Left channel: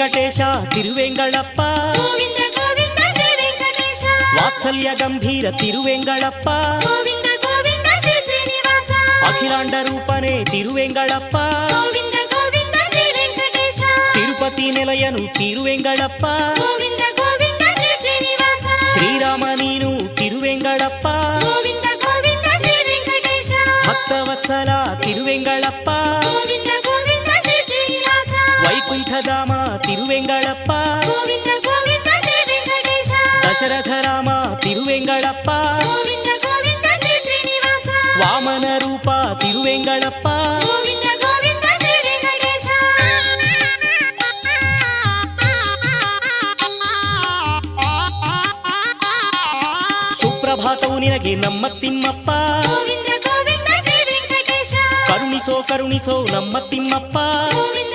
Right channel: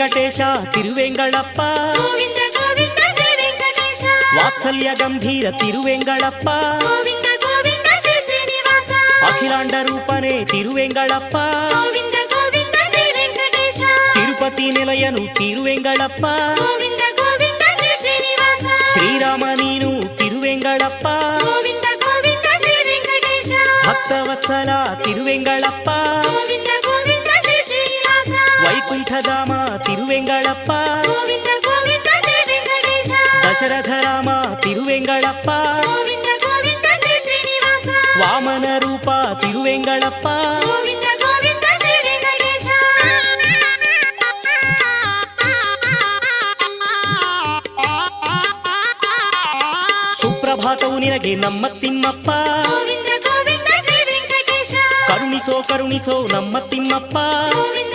ವೆಂಕಟೇಶ ತಿರುವೆಂಗಳಪ್ಪ ಗೋವಿಂದ ಗೋವಿಂದ ಶ್ರೀ ವೆಂಕಟೇಶ ವಾತ್ಸಲ್ಯ ಗಂಭೀರ ತಿರುವೆಂಗಳಪ್ಪ ಗೋವಿಂದ ಗೋವಿಂದ ಶ್ರೀ ಶ್ರೀನಿವಾಸ ಅಖಿಲಾಂಡ ರೂಪನೇ ತಿರುವೆಂಗಳಪ್ಪ ಗೋವಿಂದ ಗೋವಿಂದ ಶ್ರೀ ವೆಂಕಟೇಶ ತಿರುಪತಿ ನಿಲಯನು ತಿರುವೆಂಗಳಪ್ಪ ಗೋವಿಂದ ಗೋವಿಂದ ಶ್ರೀ ಶ್ರೀನಿವಾಸ ಶ್ರೀರಾಮ ನೀನು ತಿರುವೆಂಗಳಪ್ಪ ಗೋವಿಂದ ಗೋವಿಂದ ಶ್ರೀ ವೆಂಕಟೇಶ ಭಕ್ತವತ್ಸಲ ತಿರುವೆಂಗಳಪ್ಪ ಗೋವಿಂದ ಗೋವಿಂದ ಶ್ರೀ ಶ್ರೀನಿವಾಸ ವೈಕುಂಠಧಾಮ ತಿರುವೆಂಗಳಪ್ಪ ಗೋವಿಂದ ಗೋವಿಂದ ಶ್ರೀ ವೆಂಕಟೇಶ ದಶರಥ ರಾಮ ತಿರುವೆಂಗಳಪ್ಪ ಗೋವಿಂದ ಗೋವಿಂದ ಶ್ರೀ ಶ್ರೀನಿವಾಸ ವಾಮನ ರೂಪ ತಿರುವೆಂಗಳಪ್ಪ ಗೋವಿಂದ ಗೋವಿಂದ ಶ್ರೀ ವೆಂಕಟೇಶ ಸುಪ್ರಭಾತವು ನಿನಗೆ ನಮ್ಮ ತಿಮ್ಮಪ್ಪ ಗೋವಿಂದ ಗೋವಿಂದ ಶ್ರೀ ವೆಂಕಟೇಶ ಕರುಣಿಸೋ ಕರುಣಿಸೋ ನಮ್ಮ ತಿಮ್ಮಪ್ಪ ಗೋವಿಂದ